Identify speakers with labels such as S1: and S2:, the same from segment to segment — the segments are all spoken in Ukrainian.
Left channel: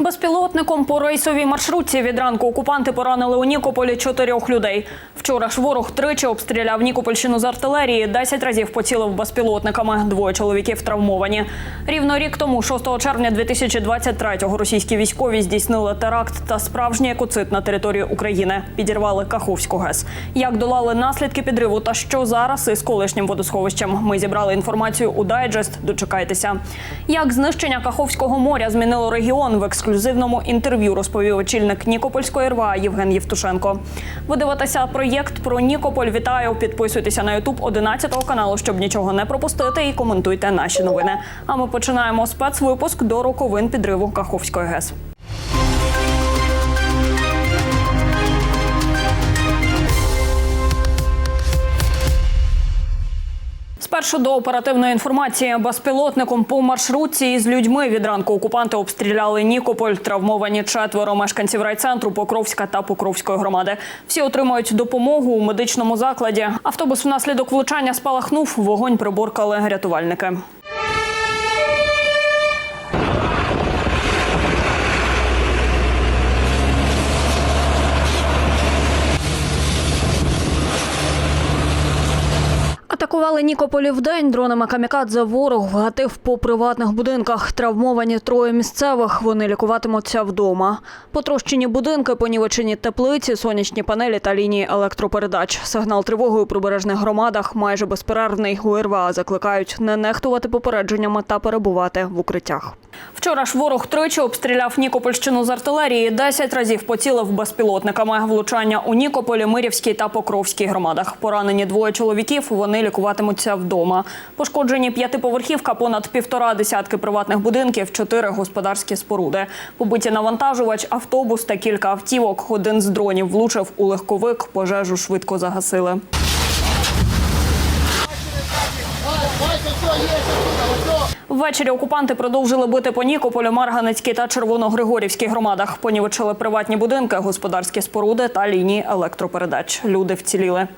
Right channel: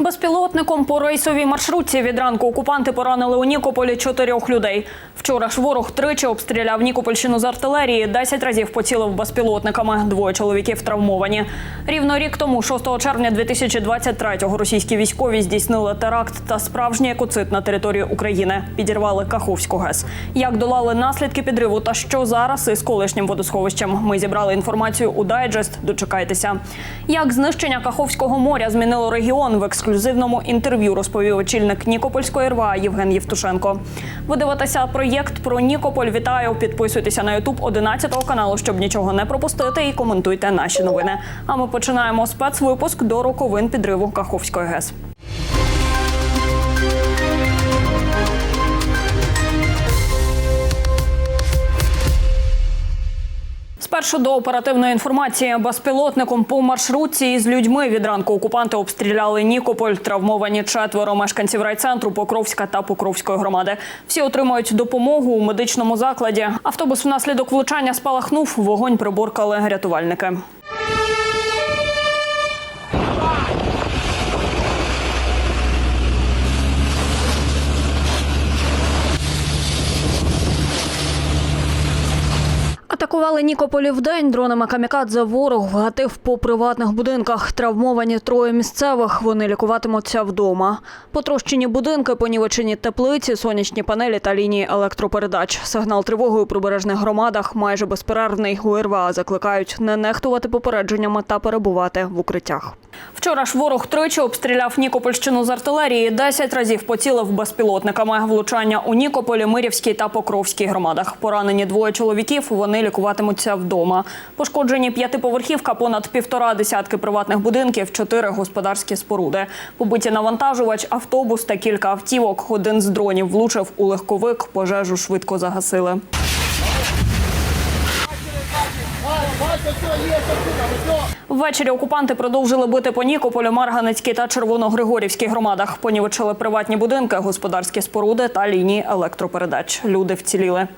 S1: Безпілотником по рейсовій маршрутці від ранку окупанти поранили у Нікополі чотирьох людей. Вчора ж ворог тричі обстріляв Нікопольщину з артилерії, 10 разів поцілив безпілотниками. Двоє чоловіків травмовані. Рівно рік тому, 6 червня 2023-го, російські військові здійснили теракт та справжній екоцид на території України. Підірвали Каховську ГЕС. Як долали наслідки підриву та що зараз із колишнім водосховищем? Ми зібрали інформацію у дайджест. Дочекайтеся. Як знищення Каховського моря змінило регіон в ексклюзивному інтерв'ю розповів очільник Нікопольської РВА Євген Євтушенко. Ви дивитеся проєкт про Нікополь. Вітаю! Підписуйтеся на Ютуб 11 каналу, щоб нічого не пропустити, і коментуйте наші новини. А ми починаємо спецвипуск до роковин підриву Каховської ГЕС. Спершу до оперативної інформації безпілотником по маршрутці із людьми від ранку окупанти обстріляли Нікополь. Травмовані четверо мешканців райцентру Покровська та Покровської громади. Всі отримують допомогу у медичному закладі. Автобус внаслідок влучання спалахнув. Вогонь приборкали рятувальники. Атакували Нікополі вдень. Дронами камікадзе ворог вгатив по приватних будинках. Травмовані троє місцевих. Вони лікуватимуться вдома. Потрощені будинки, понівечені теплиці, сонячні панелі та лінії електропередач. Сигнал тривоги у прибережних громадах майже безперервний. У РВА закликають не нехтувати попередженнями та перебувати в укриттях. Вчора ж ворог тричі обстріляв Нікопольщину з артилерії. Десять разів поцілив безпілотниками. Влучання у Нікополі, Мирівській та Покровській громадах. Поранені двоє чоловіків. Вони лікуватимуться вдома. Пошкоджені п'ятиповерхівка, понад півтора десятки приватних будинків, чотири господарські споруди. Побиті навантажувач, автобус та кілька автівок. Один з дронів влучив у легковик. Пожежу швидко загасили. Ввечері окупанти продовжили бити по Нікополю, Марганецькій та Червоногригорівській громадах. Понівечили приватні будинки, господарські споруди та лінії електропередач. Люди вціліли.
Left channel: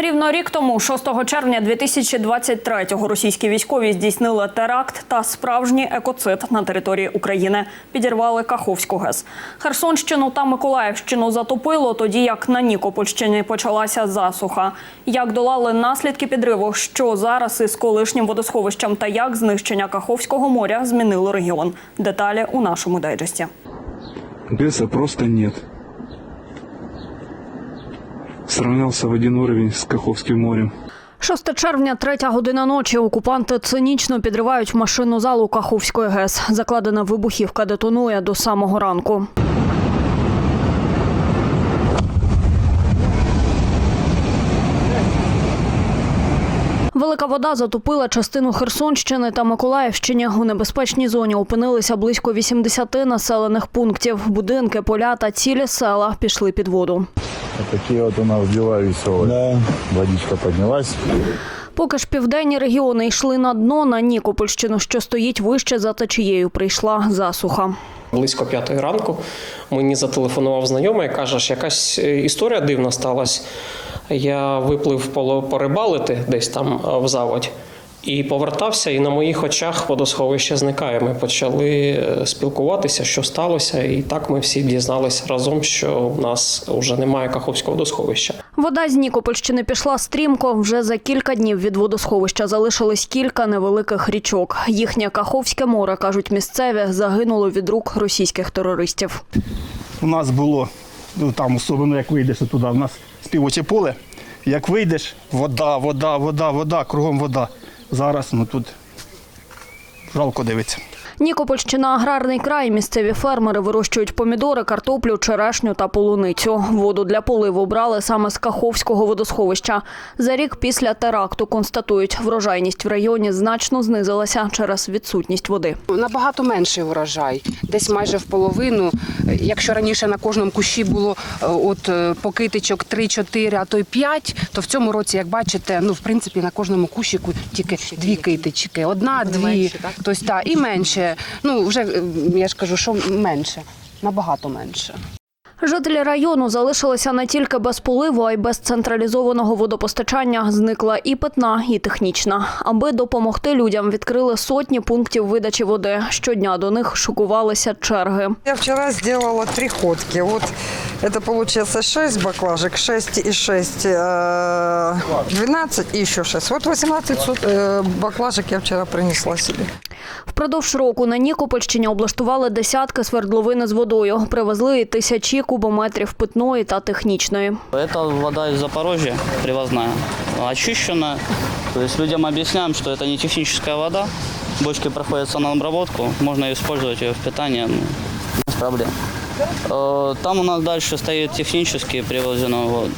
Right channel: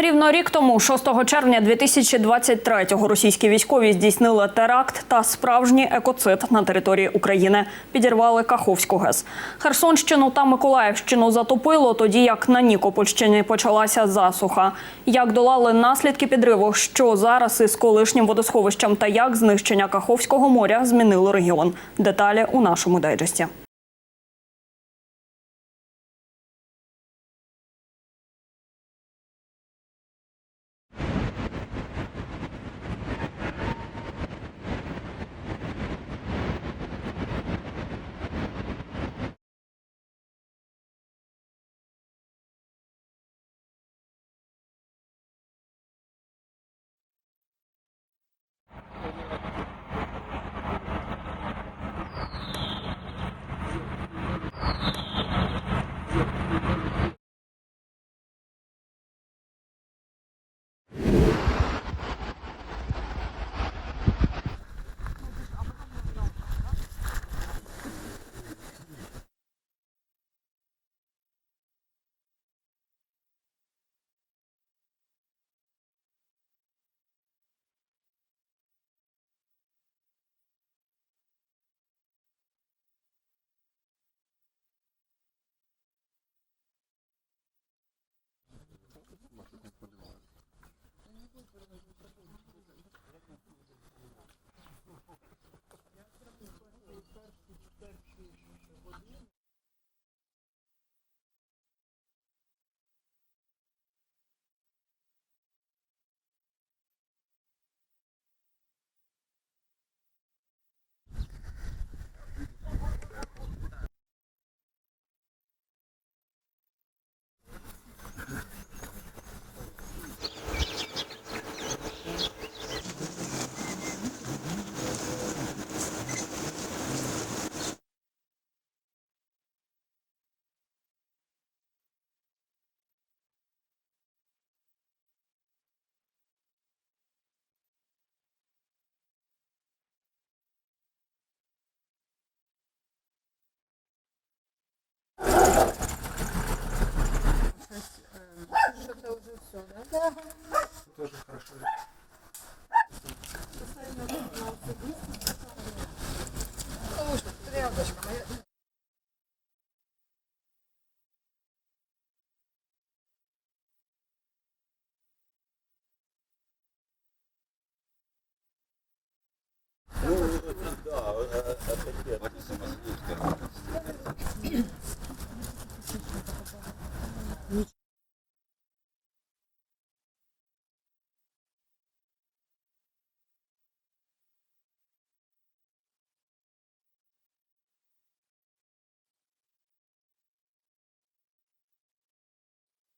S1: Рівно рік тому, 6 червня 2023-го, російські військові здійснили теракт та справжній екоцид на території України. Підірвали Каховську ГЕС. Херсонщину та Миколаївщину затопило, тоді як на Нікопольщині почалася засуха. Як долали наслідки підриву, що зараз із колишнім водосховищем та як знищення Каховського моря змінило регіон. Деталі у нашому дайджесті.
S2: ГЭСа просто нет. Сравнялся в один уровень с Каховским морем.
S1: 6 червня, третя година ночі. Окупанти цинічно підривають машину залу Каховської ГЕС. Закладена вибухівка детонує до самого ранку. Велика вода затопила частину Херсонщини та Миколаївщини. У небезпечній зоні опинилися близько 80 населених пунктів. Будинки, поля та цілі села пішли під воду.
S3: Такие вот у нас дела веселые. Водичка поднялась.
S1: Поки ж південні регіони йшли на дно на Нікопольщину, що стоїть вище за течією, прийшла засуха.
S4: Близько п'ятої ранку мені зателефонував знайомий каже, що якась е, історія дивна сталася. Я виплив порибалити десь там е, в заводі і повертався, і на моїх очах водосховище зникає. Ми почали е, спілкуватися, що сталося, і так ми всі дізналися разом, що в нас вже немає Каховського водосховища.
S1: Вода з Нікопольщини пішла стрімко. Вже за кілька днів від водосховища залишилось кілька невеликих річок. Їхнє Каховське море, кажуть місцеві, загинуло від рук російських терористів.
S5: у нас було, ну там особливо як вийдеш туди, у нас співоче поле. Як вийдеш, вода, вода, вода, вода, кругом вода. Зараз ну тут жалко дивиться.
S1: Нікопольщина аграрний край. Місцеві фермери вирощують помідори, картоплю, черешню та полуницю. Воду для поливу брали саме з Каховського водосховища. За рік після теракту констатують, врожайність в районі значно знизилася через відсутність води.
S6: Набагато менший урожай, десь майже в половину. Якщо раніше на кожному кущі було е, от е, покитичок 3-4, а то й 5, то в цьому році, як бачите, ну в принципі на кожному кущику тільки дві китички, одна, дві, тобто, та, і менше Ну вже е, я ж кажу, що менше, набагато менше.
S1: Жителі району залишилися не тільки без поливу, а й без централізованого водопостачання. Зникла і питна, і технічна. Аби допомогти людям, відкрили сотні пунктів видачі води. Щодня до них шокувалися черги.
S7: Я вчера сделала три ходки. Вот это получается 6 баклажек, 6 и 6, э, 12 и еще 6. Вот 18 сот- э, баклажек я вчера принесла себе.
S1: Впродовж року на Нікопольщині облаштували десятки свердловин з водою. Привезли і тисячі кубометрів питної та технічної.
S8: Это вода из Запорожья, привозная, очищенная. То есть людям объясняем, что это не техническая вода. Бочки проходят санобработку, можно использовать ее в питании, ну, без проблем. Э, Там у нас дальше стоит технически привозенную воду.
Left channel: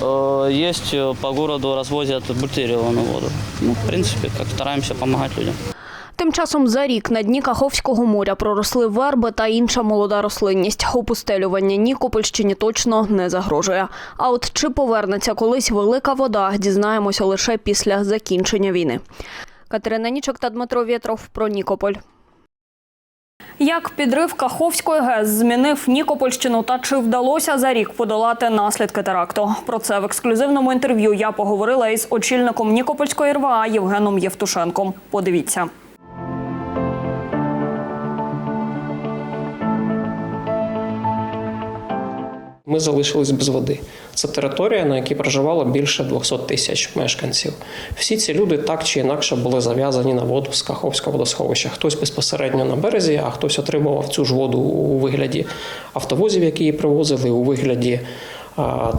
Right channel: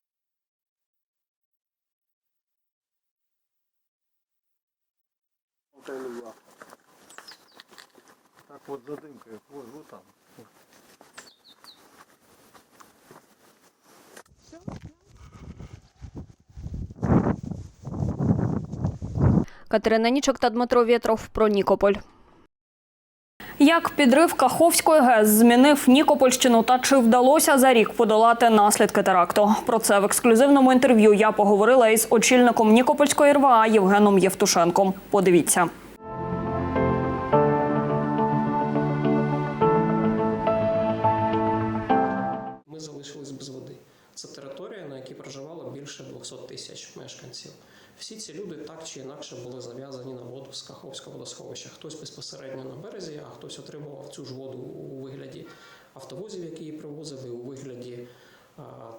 S8: Э, Есть э, по городу развозят бутилированную воду. Ну, в принципе, как стараемся помогать людям.
S1: Тим часом за рік на дні Каховського моря проросли верби та інша молода рослинність. Опустелювання Нікопольщині точно не загрожує. А от чи повернеться колись велика вода, дізнаємося лише після закінчення війни. Катерина Нічок та Дмитро Вєтров про Нікополь. Як підрив Каховської ГЕС змінив Нікопольщину та чи вдалося за рік подолати наслідки теракту? Про це в ексклюзивному інтерв'ю я поговорила із очільником Нікопольської РВА Євгеном Євтушенком. Подивіться.
S4: Ми залишились без води. Це територія, на якій проживало більше 200 тисяч мешканців. Всі ці люди так чи інакше були зав'язані на воду з Каховського водосховища. Хтось безпосередньо на березі, а хтось отримував цю ж воду у вигляді автовозів, які її привозили, у вигляді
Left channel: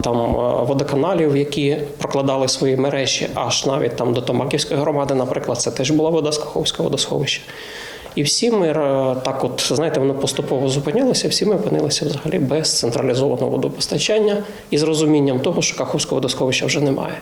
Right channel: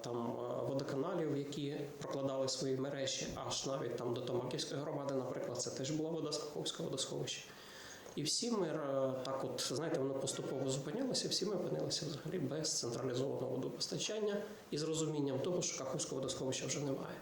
S4: там водоканалів, які прокладали свої мережі, аж навіть там до Томаківської громади, наприклад, це теж була вода з Каховського водосховища. І всі ми е, так, от знаєте, воно поступово зупинялося. Всі ми опинилися взагалі без централізованого водопостачання і з розумінням того, що Каховського водосховища вже немає.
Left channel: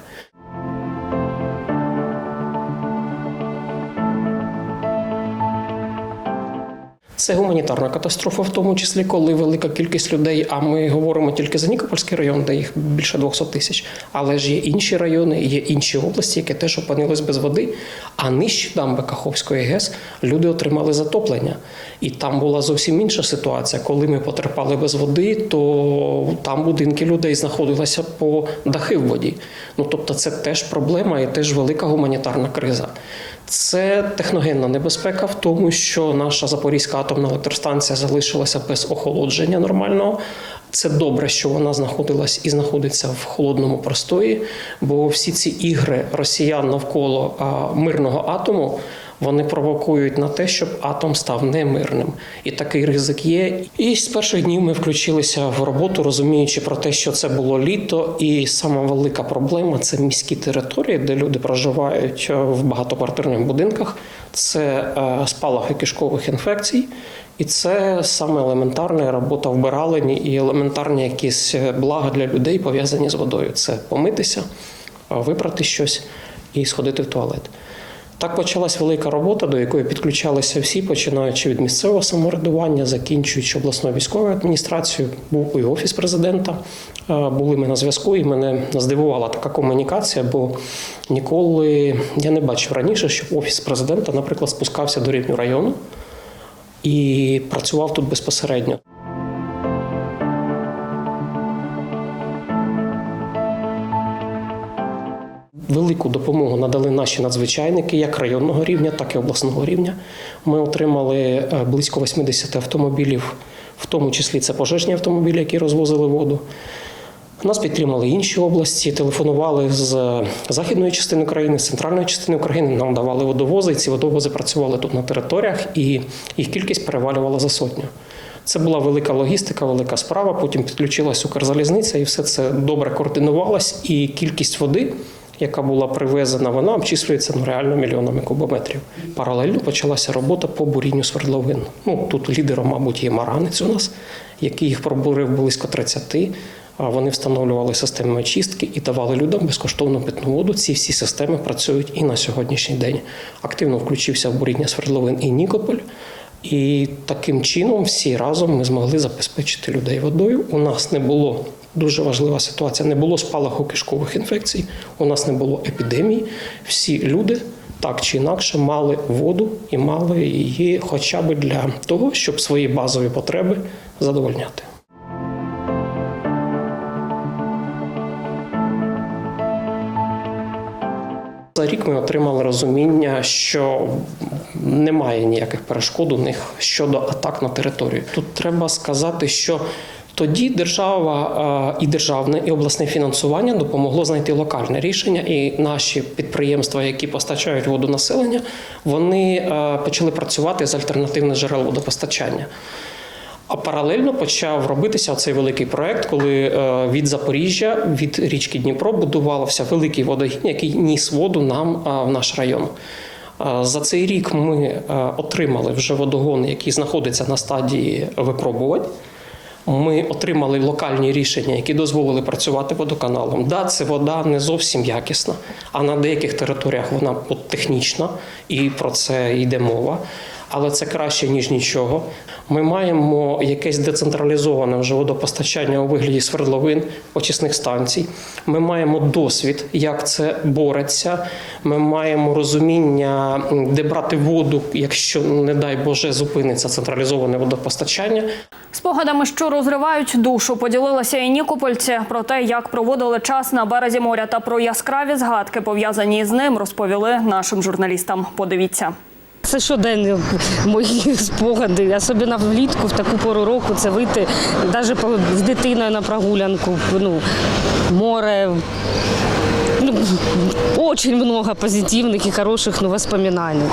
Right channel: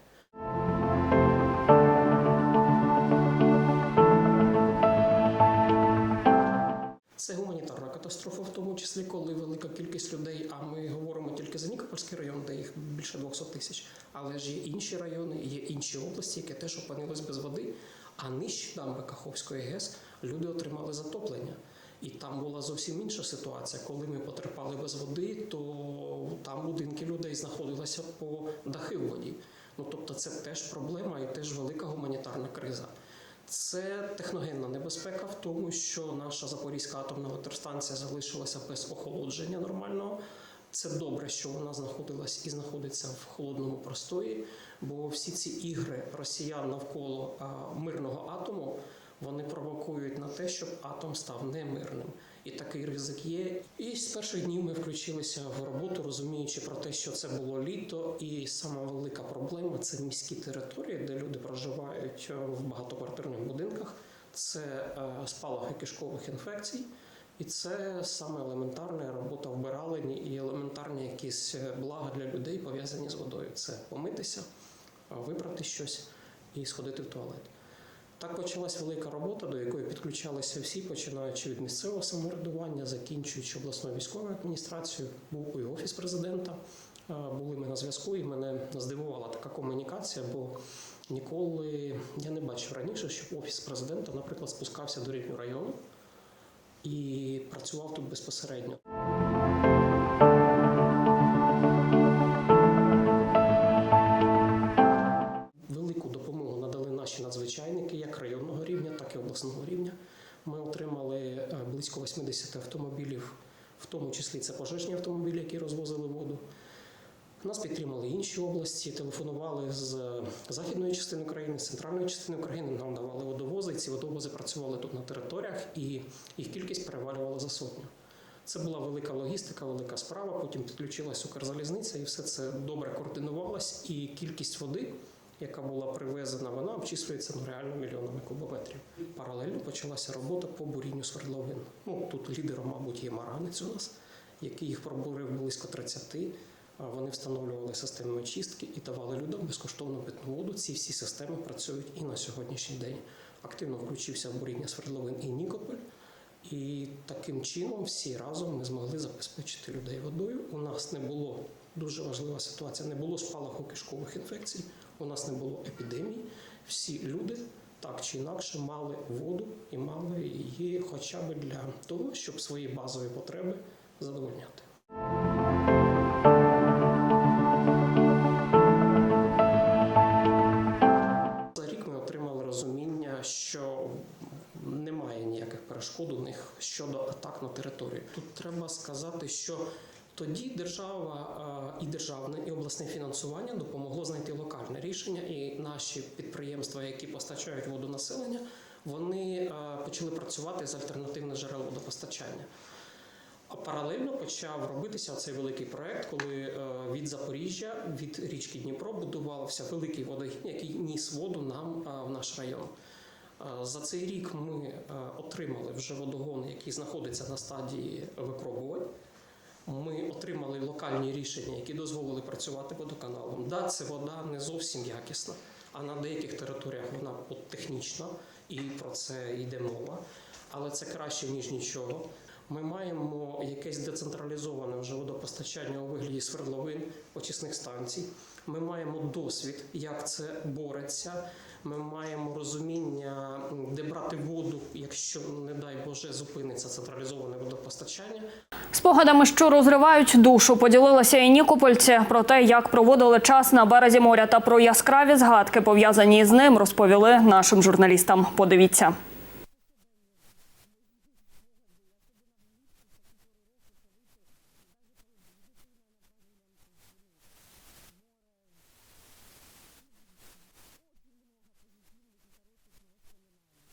S4: Це гуманітарна катастрофа, в тому числі, коли велика кількість людей. А ми говоримо тільки за Нікопольський район, де їх більше 200 тисяч. Але ж є інші райони, є інші області, які теж опинились без води. А нижче дамби Каховської ГЕС люди отримали затоплення. І там була зовсім інша ситуація. Коли ми потерпали без води, то там будинки людей знаходилися по дахи в воді. Ну тобто, це теж проблема і теж велика гуманітарна криза. Це техногенна небезпека в тому, що наша Запорізька атомна електростанція залишилася без охолодження нормального. Це добре, що вона знаходилась і знаходиться в холодному простої, бо всі ці ігри росіян навколо мирного атому вони провокують на те, щоб атом став немирним. І такий ризик є. І з перших днів ми включилися в роботу, розуміючи про те, що це було літо, і сама велика проблема це міські території, де люди проживають е, в багатоквартирних будинках. Це е, спалахи кишкових інфекцій. І це саме елементарна робота вбиралені і елементарні якісь е, блага для людей пов'язані з водою. Це помитися, випрати щось і сходити в туалет. Так почалась велика робота, до якої підключалися всі, починаючи від місцевого самоврядування, закінчуючи обласною військовою адміністрацією, був і офіс президента. Були ми на зв'язку, і мене здивувала така комунікація, бо ніколи я не бачив раніше, щоб офіс президента, наприклад, спускався до рівню району і працював тут безпосередньо. Допомогу надали наші надзвичайники як районного рівня, так і обласного рівня. Ми отримали е, близько 80 автомобілів, в тому числі це пожежні автомобілі, які розвозили воду. Нас підтримали інші області, телефонували з західної частини країни, з центральної частини України. Нам давали водовози. і Ці водовози працювали тут на територіях, і їх кількість перевалювала за сотню. Це була велика логістика, велика справа. Потім підключилась Укрзалізниця, і все це добре координувалось. І кількість води, яка була привезена, вона обчислюється ну, реально мільйонами кубометрів. Паралельно почалася робота по бурінню свердловин. Ну тут лідером, мабуть, є Маранець у нас, який їх пробурив близько 30. А Вони встановлювали системи очистки і давали людям безкоштовну питну воду. Ці всі системи працюють і на сьогоднішній день. Активно включився в буріння свердловин і Нікополь. І таким чином всі разом ми змогли забезпечити людей водою. У нас не було дуже важлива ситуація. Не було спалаху кишкових інфекцій, у нас не було епідемії. Всі люди так чи інакше мали воду і мали її, хоча б для того, щоб свої базові потреби задовольняти. За рік ми отримали розуміння, що немає ніяких перешкод у них щодо атак на територію. Тут треба сказати, що тоді держава е, і державне і обласне фінансування допомогло знайти локальне рішення, і наші підприємства, які постачають воду населення, вони е, почали працювати з альтернативних джерел водопостачання. А паралельно почав робитися цей великий проект, коли е, від Запоріжжя, від річки Дніпро будувався великий водогін, який ніс воду нам в наш район. За цей рік ми отримали вже водогон, який знаходиться на стадії випробувань. Ми отримали локальні рішення, які дозволили працювати водоканалом. Да, це вода не зовсім якісна, а на деяких територіях вона технічна, і про це йде мова. Але це краще ніж нічого. Ми маємо якесь децентралізоване вже водопостачання у вигляді свердловин, очисних станцій. Ми маємо досвід, як це бореться. Ми маємо розуміння, де брати воду, якщо, не дай Боже, зупиниться централізоване водопостачання.
S1: Спогадами, що розривають душу, поділилися і нікопольці про те, як проводили час на березі моря та про яскраві згадки, пов'язані з ним, розповіли нашим журналістам. Подивіться.
S9: Це щоденні мої спогади, особливо влітку, в таку пору року, це вийти навіть з дитиною на прогулянку, ну, море. Ну, очень много позитивных и хороших ну, воспоминаний.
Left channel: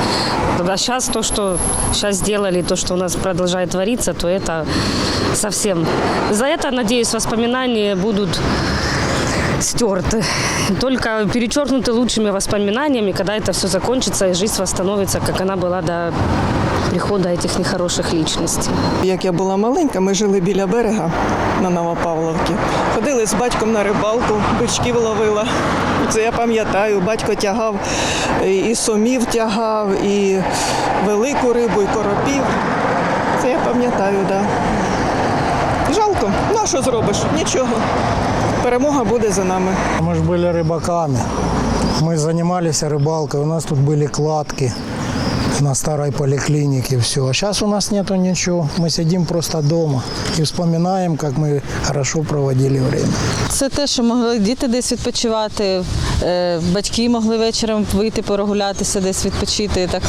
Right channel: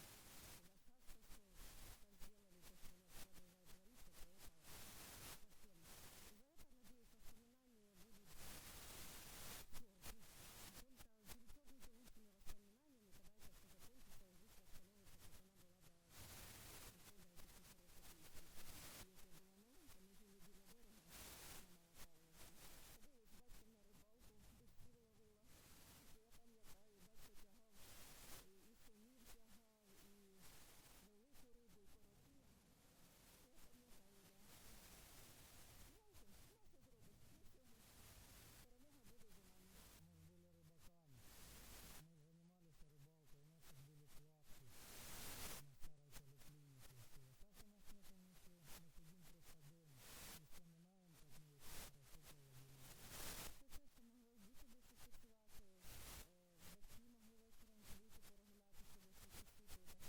S9: А сейчас то, что сейчас сделали, то, что у нас продолжает твориться, то это совсем... За это, надеюсь, воспоминания будут стерты. Только перечеркнуты лучшими воспоминаниями, когда это все закончится и жизнь восстановится, как она была до прихода этих нехороших личностей.
S10: Як я була маленька, ми жили біля берега на Новопавловці. Ходили з батьком на рибалку, бичків ловила. Це я пам'ятаю, батько тягав і- і сомів тягав, і велику рибу, і коропів. Це я пам'ятаю, так. Да. Жалко, ну а що зробиш? Нічого. Перемога буде за нами.
S11: Мы же были рыбаками. Мы занимались рыбалкой. У нас тут были кладки на старой поликлинике, все. А сейчас у нас нету ничего. Мы сидим просто дома и вспоминаем, как мы хорошо проводили время.
S12: Це те, що могли діти десь відпочивати, е, батьки могли вечором вийти прогулятися, десь відпочити, так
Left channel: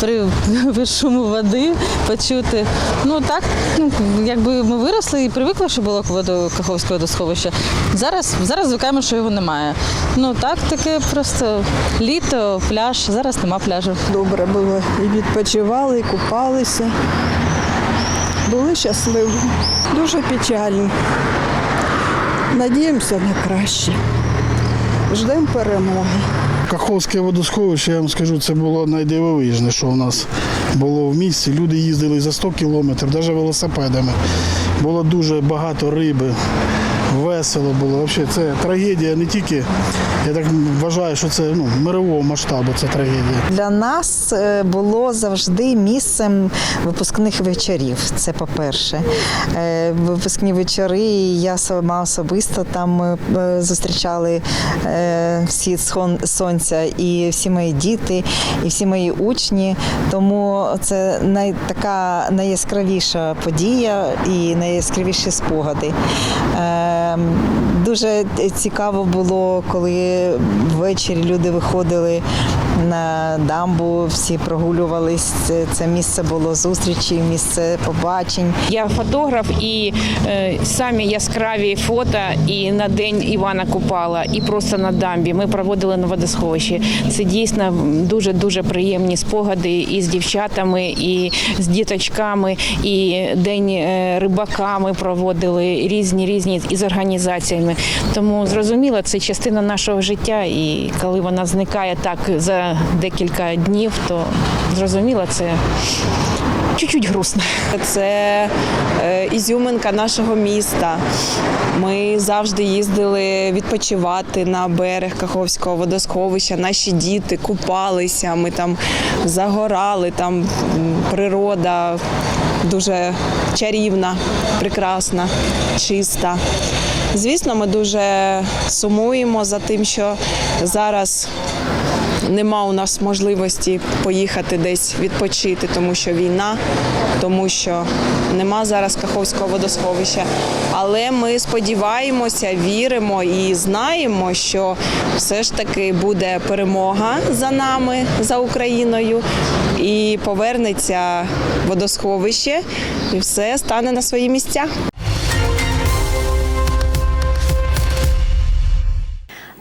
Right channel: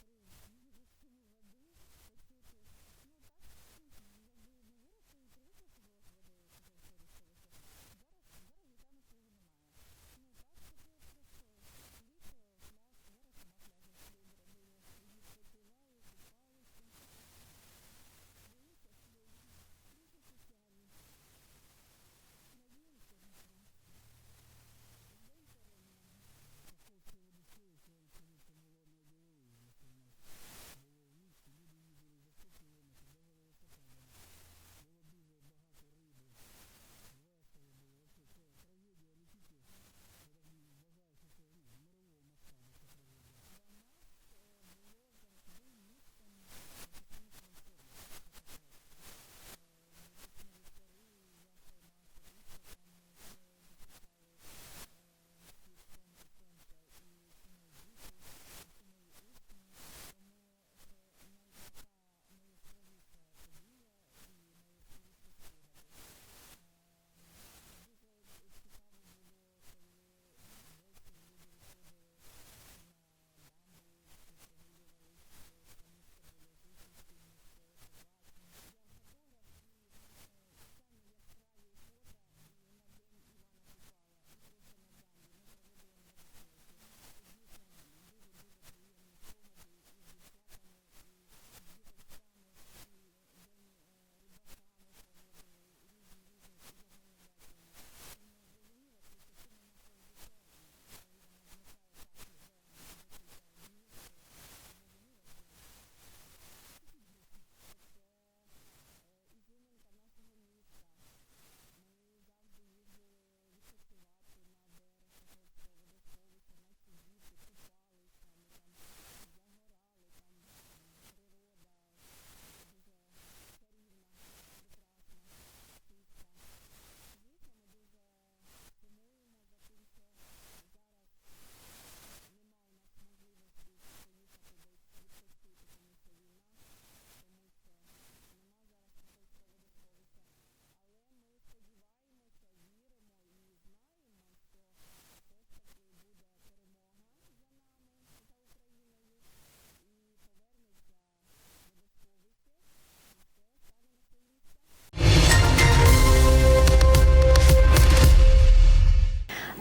S12: при шуму води почути. Ну так, ну якби ми виросли і привикли, що було водо Каховське водосховище. Зараз, зараз звикаємо, що його немає. Ну так, таке просто літо, пляж. Зараз нема пляжу.
S10: Добре було. І відпочивали, і купалися. Були щасливі. Дуже печально. Надіємося на краще. Ждемо перемоги.
S5: Каховське водосховище, я вам скажу, це було найдивовижне, що у нас було в місті. Люди їздили за 100 кілометрів, навіть велосипедами. Було дуже багато риби, весело було. Взагалі, це трагедія не тільки, я так вважаю, що це ну, мирового масштабу, це трагедія.
S12: Для нас е, було завжди місцем випускних вечорів. Це по-перше. Е, Випускні вечори. Я сама особисто там е, зустрічали сон- сонця і всі мої діти, і всі мої учні. Тому це най, така найяскравіша подія і найяскравіші спогади. um, Дуже цікаво було, коли ввечері люди виходили на дамбу, всі прогулювались. Це, це місце було зустрічі, місце побачень.
S9: Я фотограф і е, самі яскраві фото і на день Івана Купала, і просто на дамбі. Ми проводили на водосховищі. Це дійсно дуже дуже приємні спогади і з дівчатами, і з діточками, і день е, рибака ми проводили різні різні із організаціями. Тому зрозуміло, це частина нашого життя. І коли вона зникає так за декілька днів, то зрозуміло, це чуть-чуть грустно.
S12: Це е, ізюминка нашого міста. Ми завжди їздили відпочивати на берег Каховського водосховища. Наші діти купалися, ми там загорали, там природа дуже чарівна, прекрасна, чиста. Звісно, ми дуже сумуємо за тим, що зараз
S13: нема у нас можливості поїхати десь відпочити, тому що війна, тому що нема зараз Каховського водосховища. Але ми сподіваємося, віримо і знаємо, що все ж таки буде перемога за нами, за Україною, і повернеться водосховище, і все стане на свої місця.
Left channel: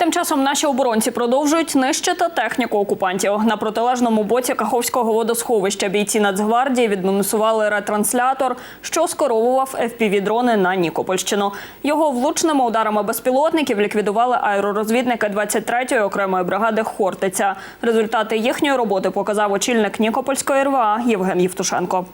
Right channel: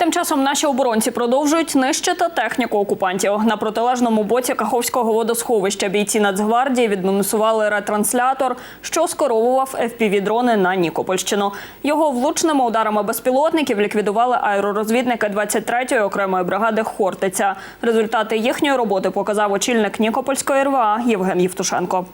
S1: Тим часом наші оборонці продовжують нищити техніку окупантів. На протилежному боці Каховського водосховища бійці Нацгвардії відмінусували ретранслятор, що скеровував FPV-дрони на Нікопольщину. Його влучними ударами безпілотників ліквідували аеророзвідники 23-ї окремої бригади Хортиця. Результати їхньої роботи показав очільник Нікопольської РВА Євген Євтушенко.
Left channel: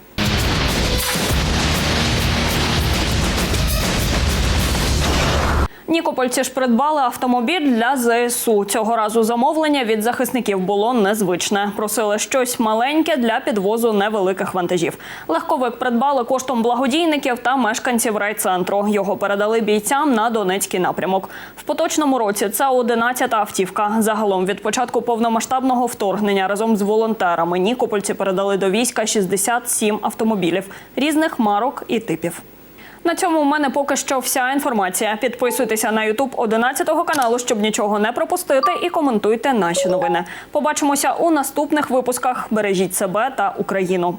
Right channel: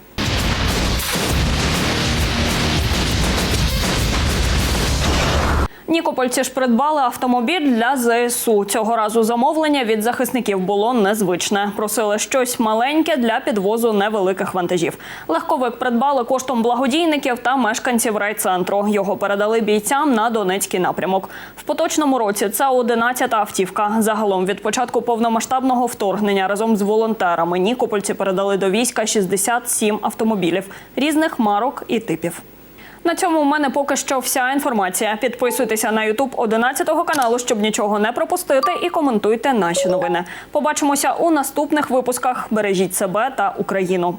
S1: Нікопольці ж придбали автомобіль для ЗСУ. Цього разу замовлення від захисників було незвичне. Просили щось маленьке для підвозу невеликих вантажів. Легковик придбали коштом благодійників та мешканців райцентру. Його передали бійцям на Донецький напрямок. В поточному році це 11-та автівка. Загалом від початку повномасштабного вторгнення разом з волонтерами Нікопольці передали до війська 67 автомобілів різних марок і типів. На цьому у мене поки що вся інформація. Підписуйтеся на Ютуб 11 каналу, щоб нічого не пропустити, і коментуйте наші новини. Побачимося у наступних випусках. Бережіть себе та Україну.